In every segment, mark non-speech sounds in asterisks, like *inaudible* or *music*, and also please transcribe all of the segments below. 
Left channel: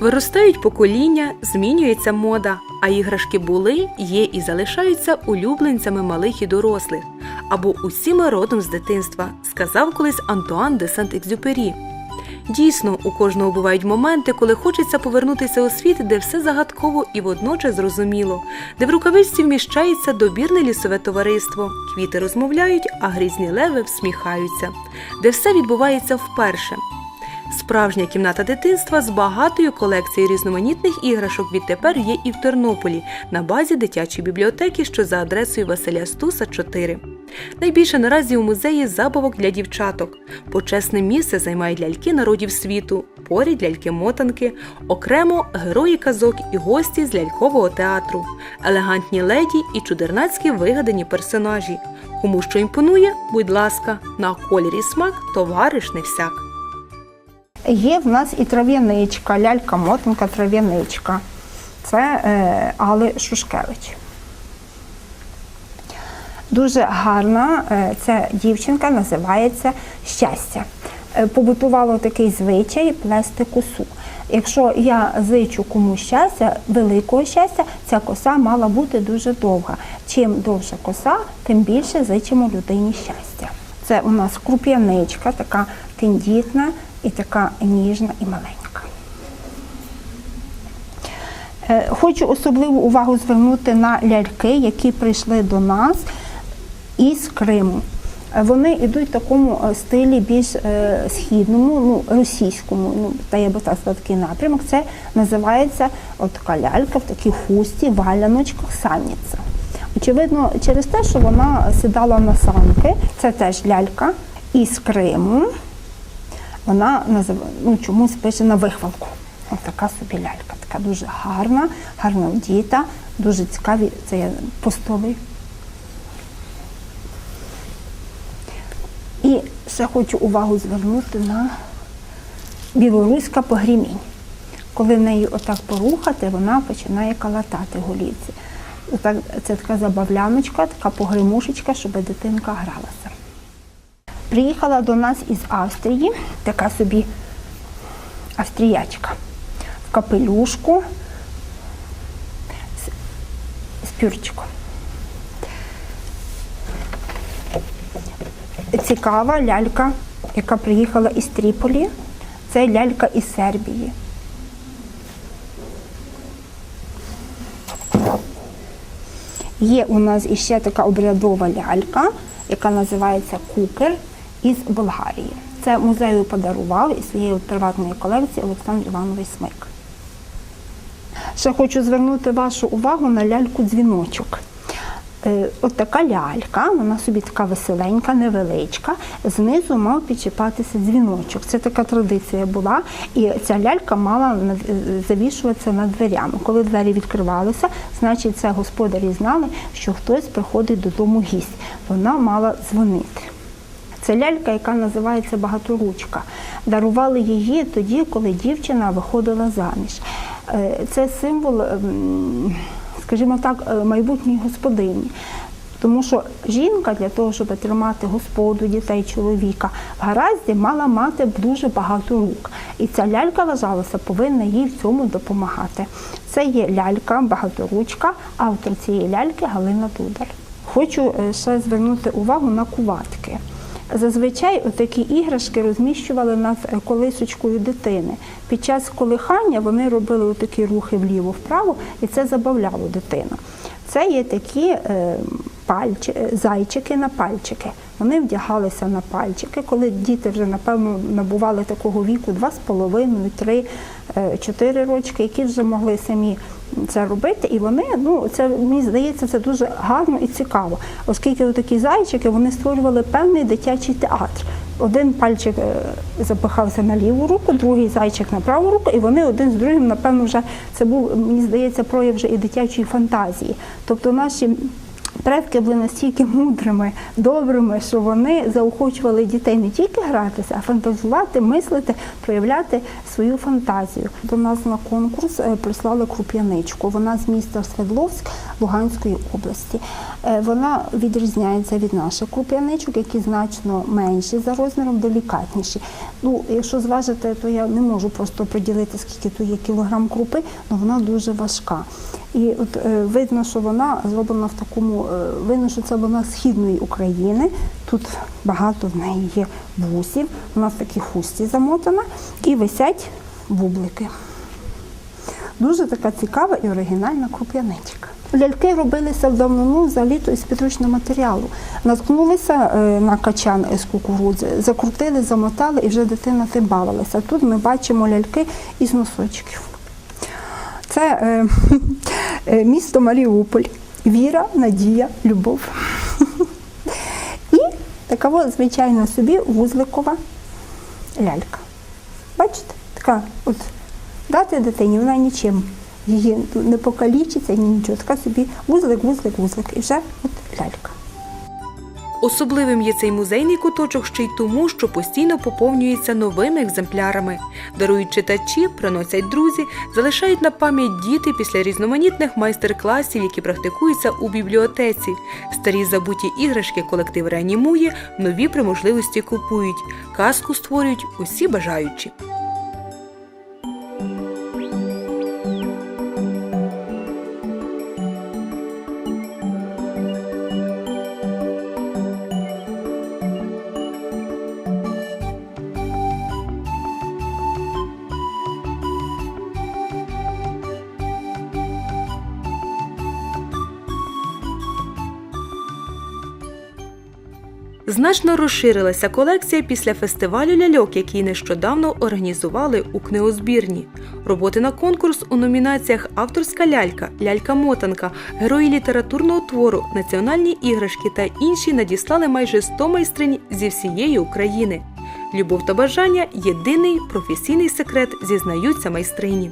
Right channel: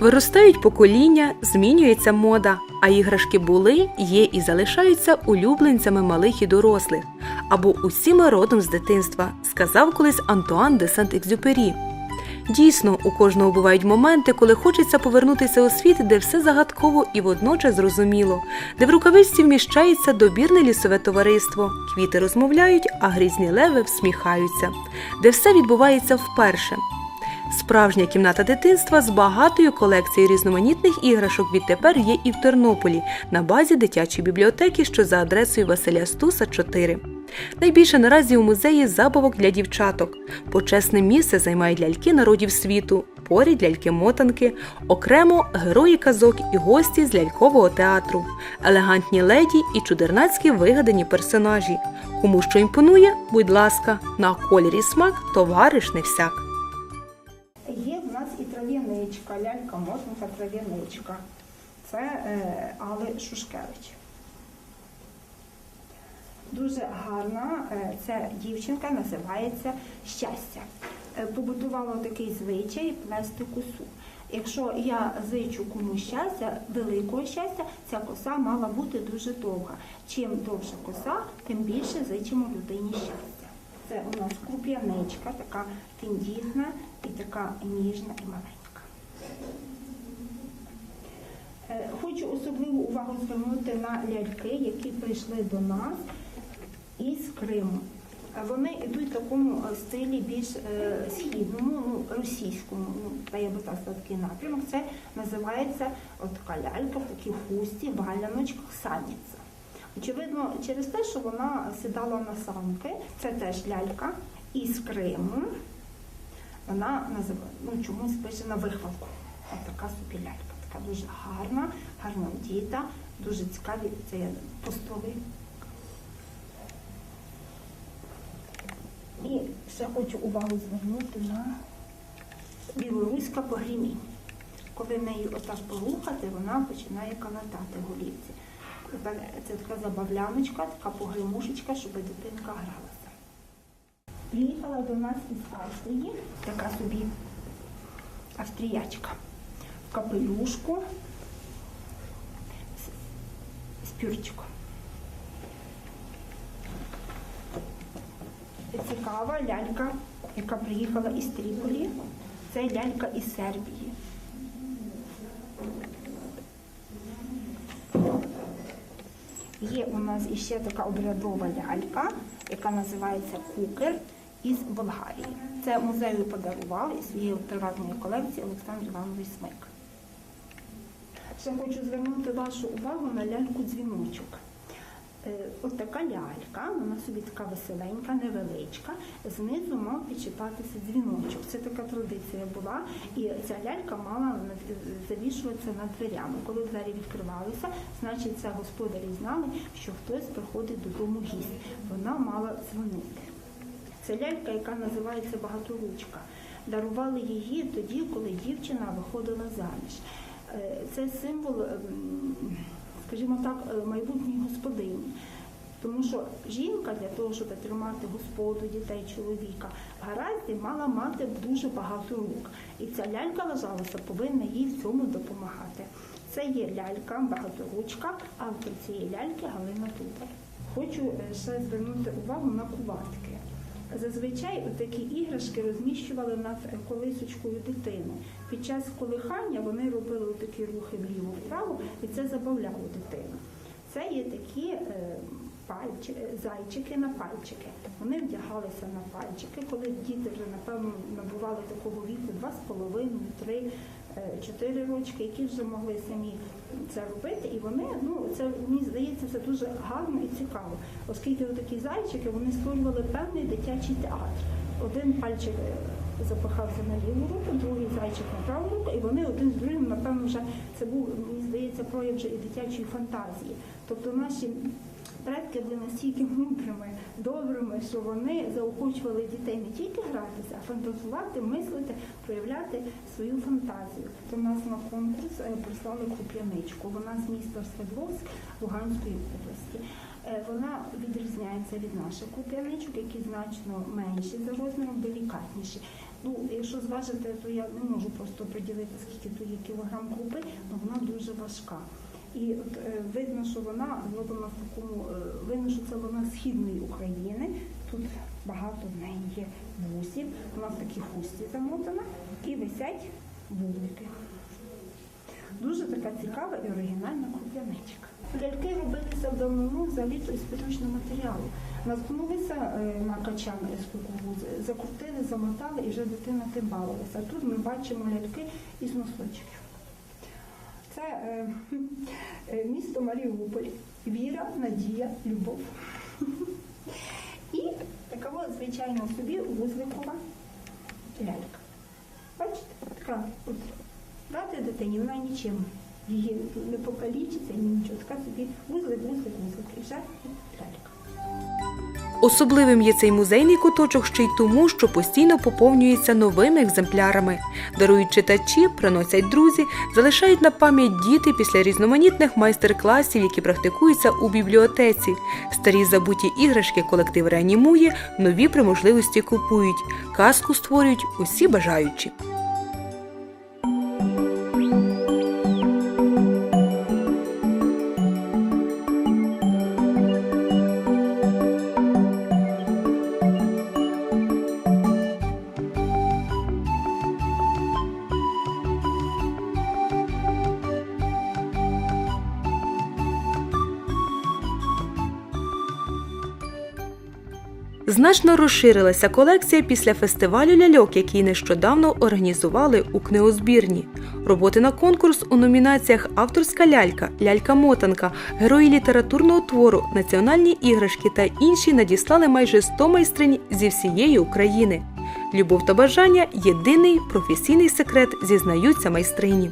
Виростають покоління, змінюється мода, а іграшки були, є і залишаються улюбленцями малих і дорослих, або усіма родом з дитинства, сказав колись Антуан де Сент-Екзюпері. Дійсно, у кожного бувають моменти, коли хочеться повернутися у світ, де все загадково і водночас зрозуміло, де в рукавичці вміщається добірне лісове товариство, квіти розмовляють, а грізні леви всміхаються, де все відбувається вперше. Справжня кімната дитинства з багатою колекцією різноманітних іграшок відтепер є і в Тернополі на базі дитячої бібліотеки, що за адресою Василя Стуса 4. Найбільше наразі у музеї забавок для дівчаток. Почесне місце займають ляльки народів світу, поряд ляльки-мотанки, окремо герої казок і гості з лялькового театру, елегантні леді і чудернацькі вигадані персонажі. Кому що імпонує, будь ласка, на кольорі смак товариш не всяк. Є в нас і трав'яничка, лялька-мотанка, трав'яничка. Це е, Али Шушкевич. Дуже гарна е, ця дівчинка називається щастя. Е, побутувало такий звичай плести косу. Якщо я зичу комусь щастя, великого щастя, ця коса мала бути дуже довга. Чим довша коса, тим більше зичимо людині щастя. Це у нас круп'яничка, така тендітна і така ніжна і маленька. Е, Хочу особливу увагу звернути на ляльки, які прийшли до нас із Криму. Е, Вони йдуть в такому е, стилі більш східному, ну, російському, ну, та я би так сказала, такий напрямок. Це називається от така лялька в такій хусті, валяночках, саніця. Очевидно, через те, що вона сідала на санки, це теж лялька із Криму. Вона ну, чомусь пише на вихвалку. Ось така собі лялька, така дуже гарна, гарно вдіта, дуже цікаві. Це є постоли. І ще хочу увагу звернути на білоруська погрімінь. Коли нею отак порухати, вона починає калатати голівці. Це така забавляночка, така погримушечка, щоб дитинка гралася. Приїхала до нас із Австрії, така собі австріячка в капелюшку з, пюрчиком. Цікава лялька, яка приїхала із Тріполі. Це лялька із Сербії. Є у нас іще така обрядова лялька, яка називається Кукер із Болгарії. Це музею подарував із своєї приватної колекції Олександр Іванович Смик. Ще хочу звернути вашу увагу на ляльку дзвіночок. Е, От така лялька, вона собі така веселенька, невеличка. Знизу мав підчіпатися дзвіночок. Це така традиція була. І ця лялька мала завішуватися над дверями. Коли двері відкривалися, значить це господарі знали, що хтось приходить додому гість. Вона мала дзвонити. Це лялька, яка називається багаторучка. Дарували її тоді, коли дівчина виходила заміж. Е, Це символ, ем, скажімо так, е, майбутньої господині. Тому що жінка для того, щоб тримати господу, дітей, чоловіка в гаразді, мала мати дуже багато рук. І ця лялька вважалася, повинна їй в цьому допомагати. Це є лялька, багаторучка, автор цієї ляльки Галина Дудар. Хочу е, ще звернути увагу на куватки. Зазвичай такі іграшки розміщували над колисочкою дитини. Під час колихання вони робили такі рухи вліво-вправо, і це забавляло дитину. Це є такі е, зайчики на пальчики. Вони вдягалися на пальчики, коли діти вже напевно набували такого віку 2,5, 3, 4 рочки, які вже могли самі це робити. І вони, ну це мені здається, це дуже гарно і цікаво, оскільки такі зайчики вони створювали певний дитячий театр. Один пальчик е, запихався на ліву руку, другий зайчик на праву руку, і вони один з другим, напевно, вже це був, мені здається, прояв вже і дитячої фантазії. Тобто наші Предки були настільки мудрими, добрими, що вони заохочували дітей не тільки гратися, а фантазувати, мислити, проявляти свою фантазію. До нас на конкурс е, прислали круп'яничку. Вона з міста Свердловськ Луганської області. Е, Вона відрізняється від наших круп'яничок, які значно менші за розміром, делікатніші. Ну, якщо зважити, то я не можу просто приділити, скільки тут є кілограм крупи, але вона дуже важка. І от е, видно, що вона зроблена в такому, е, видно, що це вона східної України. Тут багато в неї є вусів, вона в такій хусті замотана і висять бублики. Дуже така цікава і оригінальна круп'яничка. Ляльки робилися в давнину взагалі із підручного матеріалу. Наткнулися е, на качан з кукурудзи, закрутили, замотали і вже дитина тим бавилася. Тут ми бачимо ляльки із носочків. Це е, *laughs* е, місто Маріуполь. Віра, надія, любов. *laughs* І така от, звичайна собі вузликова лялька. Бачите, така от дати дитині, вона нічим її не покалічиться, ні нічого. Така собі вузлик, вузлик, вузлик. І вже от лялька. Особливим є цей музейний куточок ще й тому, що постійно поповнюється новими екземплярами. Дарують читачі, приносять друзі, залишають на пам'ять діти після різноманітних майстер-класів, які практикуються у бібліотеці. Старі забуті іграшки колектив реанімує, нові при можливості купують. Казку створюють усі бажаючі. Значно розширилася колекція після фестивалю ляльок, який нещодавно організували у книгозбірні. Роботи на конкурс у номінаціях Авторська лялька, лялька-мотанка, герої літературного твору, національні іграшки та інші надіслали майже 100 майстринь зі всієї України. Любов та бажання єдиний професійний секрет, зізнаються майстрині.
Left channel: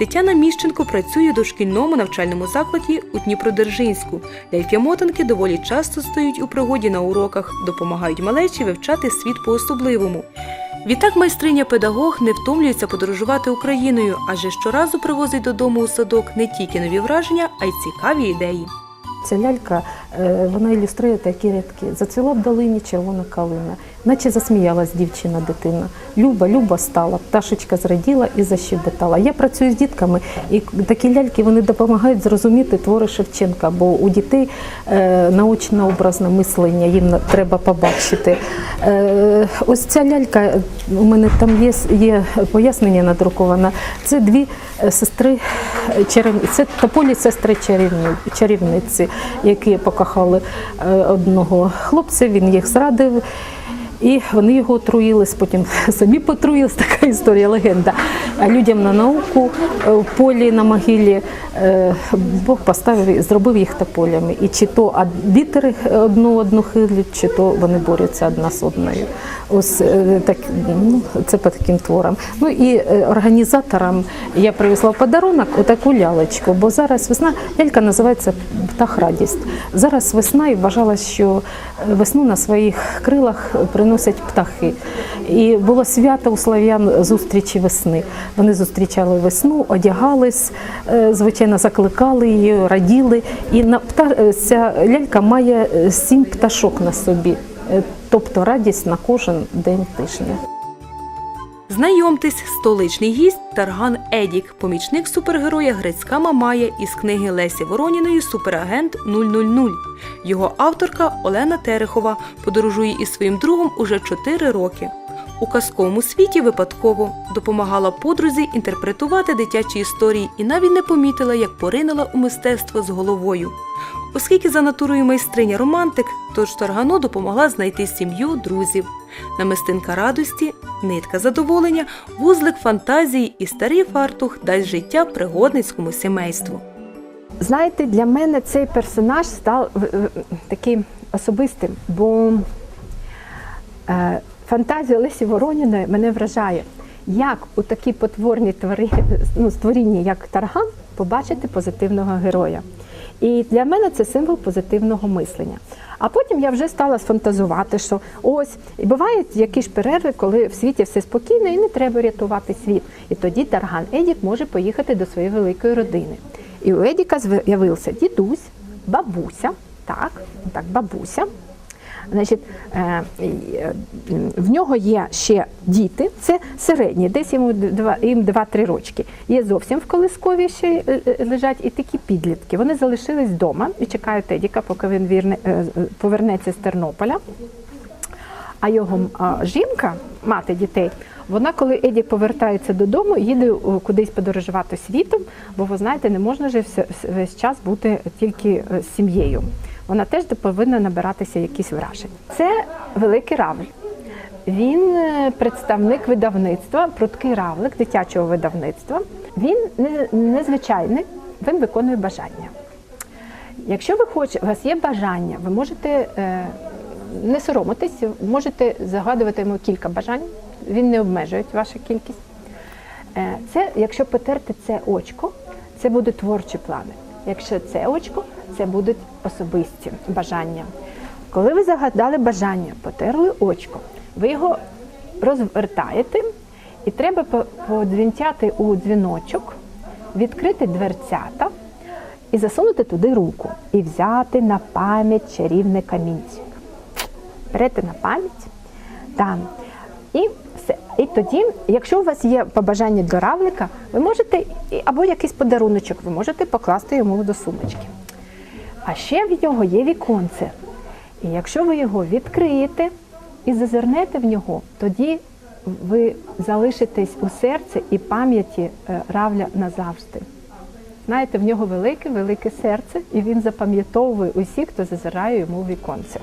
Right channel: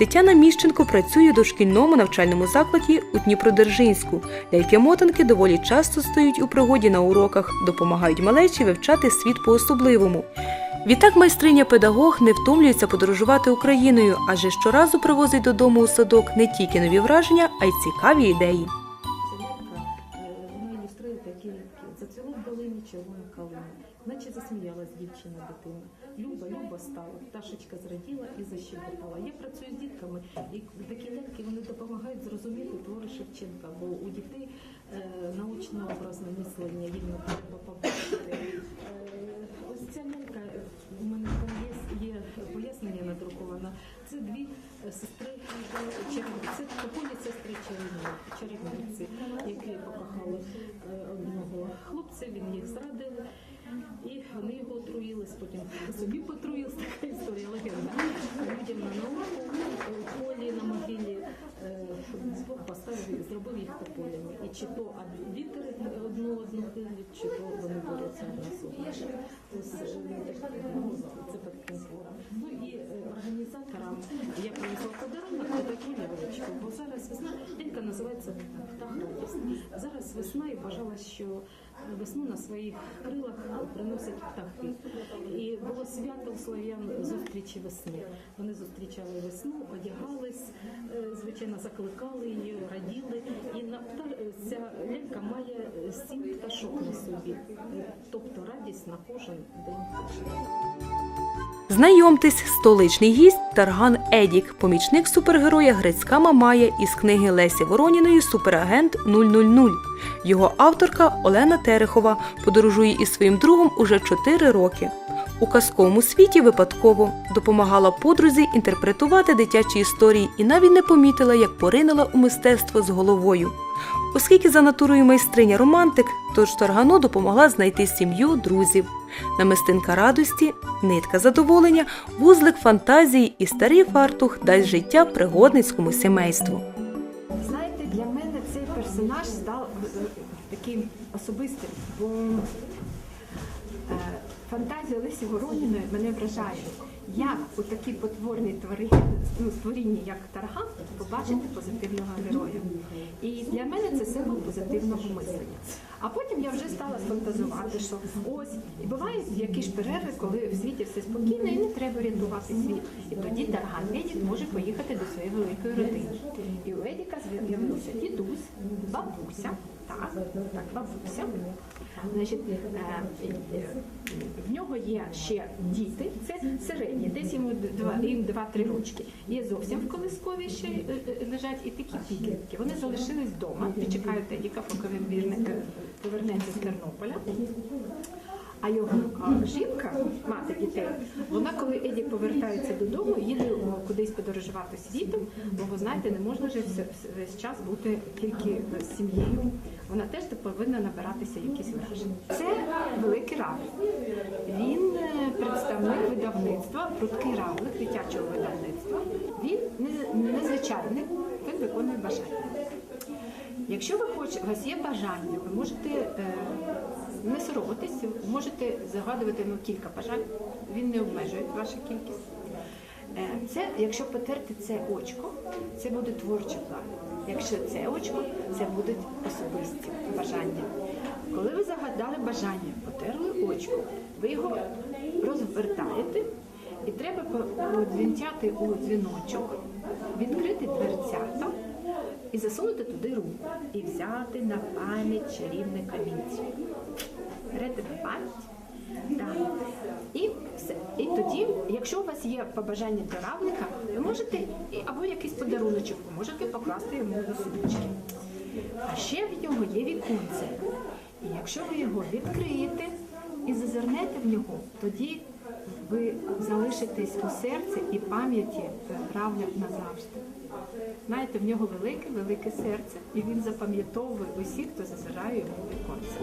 Тетяна Міщенко працює у дошкільному навчальному закладі у Дніпродержинську. Ляльки-мотанки доволі часто стають у пригоді на уроках, допомагають малечі вивчати світ по-особливому. Відтак майстриня-педагог не втомлюється подорожувати Україною, адже щоразу привозить додому у садок не тільки нові враження, а й цікаві ідеї. Ця лялька е, вона ілюструє такі рядки. Зацвіла в долині червона калина, наче засміялась дівчина дитина. Люба, люба стала, пташечка зраділа і защебетала. Я працюю з дітками, і такі ляльки вони допомагають зрозуміти твори Шевченка, бо у дітей е, наочно-образне мислення, їм треба побачити. Е, ось ця лялька, у мене там є, є пояснення надруковане. Це дві е, сестри е, чарівниці. Це тополі сестри чарівниці, які покохали е, одного хлопця, він їх зрадив. І вони його отруїлись, потім *laughs* самі потруїлись, така історія, легенда. А людям на науку е, в полі на могилі е, Бог поставив, і зробив їх тополями. І чи то вітер одну одну хилять, чи то вони борються одна з одною. Ось е, так, ну, це по таким творам. Ну і організаторам я привезла в подарунок отаку лялечку, бо зараз весна, лялька називається Птах радість. Зараз весна і вважалось, що весну на своїх крилах приносять птахи. І було свято у слав'ян зустрічі весни. Вони зустрічали весну, одягались, е, звичайно, закликали її, раділи. І е, ця лялька має е, сім пташок на собі, тобто радість на кожен день тижня. Знайомтесь, столичний гість Тарган Едік, помічник супергероя Грицька Мамая із книги Лесі Вороніної Суперагент 000. Його авторка Олена Терехова подорожує із своїм другом уже 4 роки. У казковому світі випадково допомагала подрузі інтерпретувати дитячі історії і навіть не помітила, як поринула у мистецтво з головою. Оскільки за натурою майстриня романтик, тож Таргану допомогла знайти сім'ю друзів. Намистинка радості, нитка задоволення, вузлик фантазії і старий фартух дасть життя пригодницькому сімейству. Знаєте, для мене цей персонаж став е, е, таким особистим, бо е, фантазія Лесі Вороніної мене вражає. Як у такій потворній тварі, ну, створінні, як тарган, побачити позитивного героя. І для мене це символ позитивного мислення. А потім я вже стала сфантазувати, що ось і бувають якісь перерви, коли в світі все спокійно і не треба рятувати світ. І тоді Тарган Едік може поїхати до своєї великої родини. І у Едіка з'явився дідусь, бабуся, так, так, бабуся. Значить, е, е, в нього є ще діти, це середні, десь йому два, їм 2-3 рочки. Є зовсім в колискові ще е, лежать і такі підлітки. Вони залишились вдома і чекають Едіка, поки він вірне, повернеться з Тернополя. А його жінка, мати дітей, вона, коли Едік повертається додому, їде кудись подорожувати світом, бо ви знаєте, не можна же весь час бути тільки з сім'єю. Вона теж повинна набиратися якісь вражень. Це великий равль. Він е, представник видавництва, пруткий равлик дитячого видавництва. Він незвичайний, він виконує бажання. Якщо ви хочете, у вас є бажання, ви можете е, не соромитись, можете загадувати йому кілька бажань, він не обмежує вашу кількість. Е, це, якщо потерти це очко, це будуть творчі плани. Якщо це очко, це будуть особисті бажання. Коли ви загадали бажання, потерли очко, ви його розвертаєте, і треба по- подзвінтяти у дзвіночок, відкрити дверцята і засунути туди руку, і взяти на пам'ять чарівне камінчик. Берете на пам'ять, там. І все. І тоді, якщо у вас є побажання до равлика, ви можете або якийсь подаруночок, ви можете покласти йому до сумочки. А ще в нього є віконце. І якщо ви його відкриєте і зазирнете в нього, тоді ви залишитесь у серці і пам'яті е, равля назавжди. Знаєте, в нього велике, велике серце, і він запам'ятовує усіх, хто зазирає йому в віконце.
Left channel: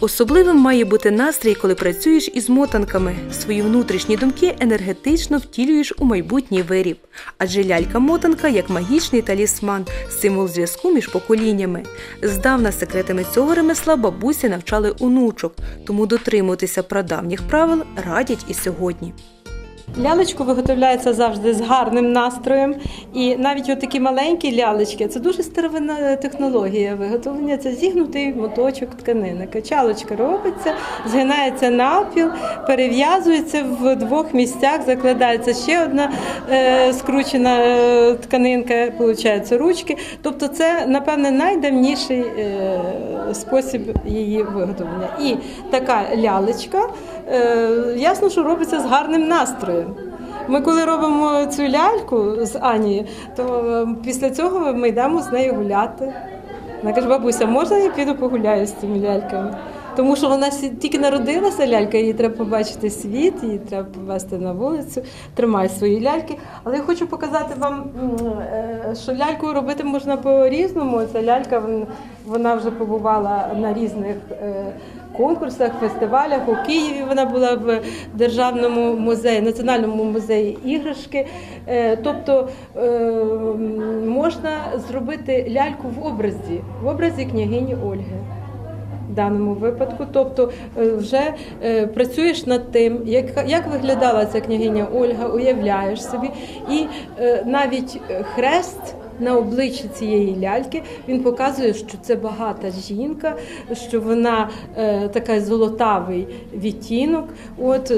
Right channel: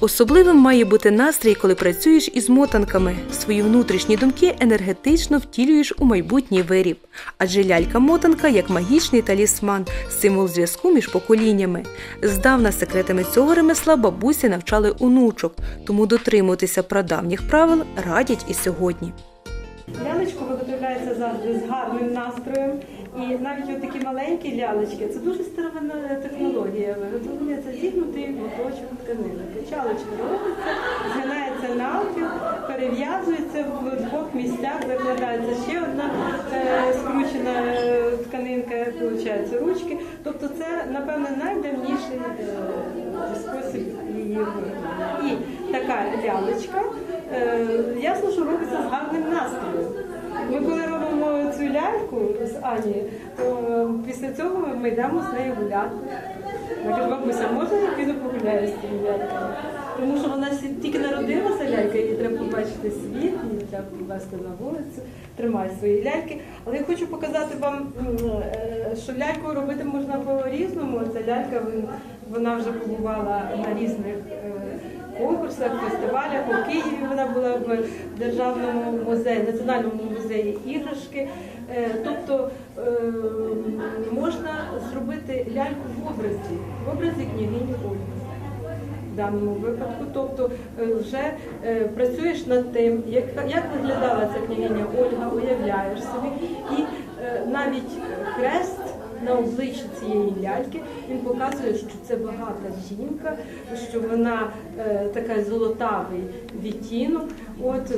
Особливим має бути настрій, коли працюєш із мотанками. Свої внутрішні думки енергетично втілюєш у майбутній виріб. Адже лялька-мотанка як магічний талісман, символ зв'язку між поколіннями. Здавна секретами цього ремесла бабусі навчали онучок, тому дотримуватися прадавніх правил радять і сьогодні. Лялечку виготовляється завжди з гарним настроєм. І навіть отакі маленькі лялечки це дуже старовинна технологія виготовлення. Це зігнутий моточок тканини. Качалочка робиться, згинається навпіл, перев'язується в двох місцях, закладається ще одна е, скручена е, тканинка, виходить, ручки. Тобто це, напевне, найдавніший е, спосіб її виготовлення. І така лялечка, ясно, що робиться з гарним настроєм. Ми коли робимо цю ляльку з Анією, то е, після цього ми йдемо з нею гуляти. Вона каже, бабуся, можна я піду погуляю з цими ляльками? Тому що вона тільки народилася лялька, їй треба побачити світ, її треба повести на вулицю, тримай свої ляльки. Але я хочу показати вам, е, що ляльку робити можна по-різному. Ця лялька вона вже побувала на різних е, конкурсах, фестивалях. У Києві вона була в Державному музеї, Національному музеї іграшки. Е, Тобто е, можна зробити ляльку в образі, в образі княгині Ольги даному випадку. Тобто е, вже е, працюєш над тим, як, як виглядала ця княгиня Ольга, уявляєш собі, і е, навіть хрест. На обличчі цієї ляльки він показує, що це багата жінка, що вона така золотавий відтінок. От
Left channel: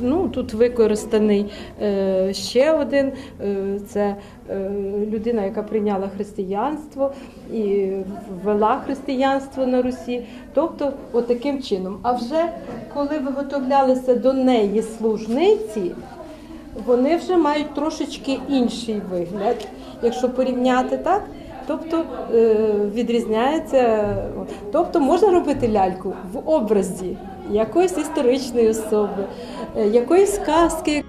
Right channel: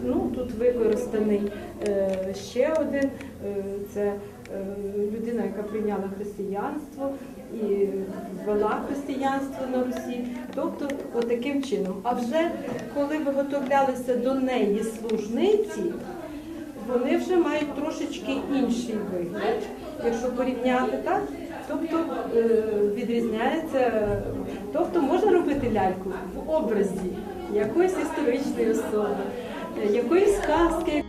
ну тут використаний ще один. Це людина, яка прийняла християнство і ввела християнство на Русі. Тобто, от таким чином. А вже коли виготовлялися до неї служниці, вони вже мають трошечки інший вигляд, якщо порівняти так. Тобто е, відрізняється, тобто можна робити ляльку в образі якоїсь історичної особи, е, якоїсь казки,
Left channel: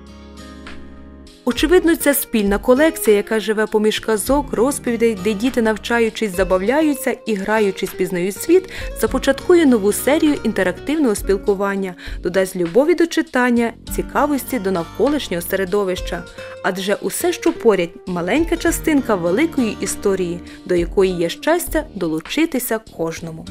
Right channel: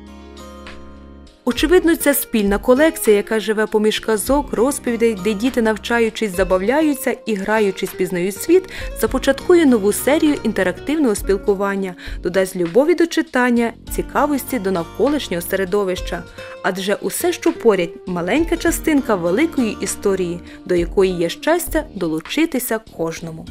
Очевидно, це спільна колекція, яка живе поміж казок, розповідей, де діти, навчаючись, забавляються і граючись, пізнають світ, започаткує нову серію інтерактивного спілкування, додасть любові до читання, цікавості до навколишнього середовища. Адже усе, що поряд, маленька частинка великої історії, до якої є щастя долучитися кожному.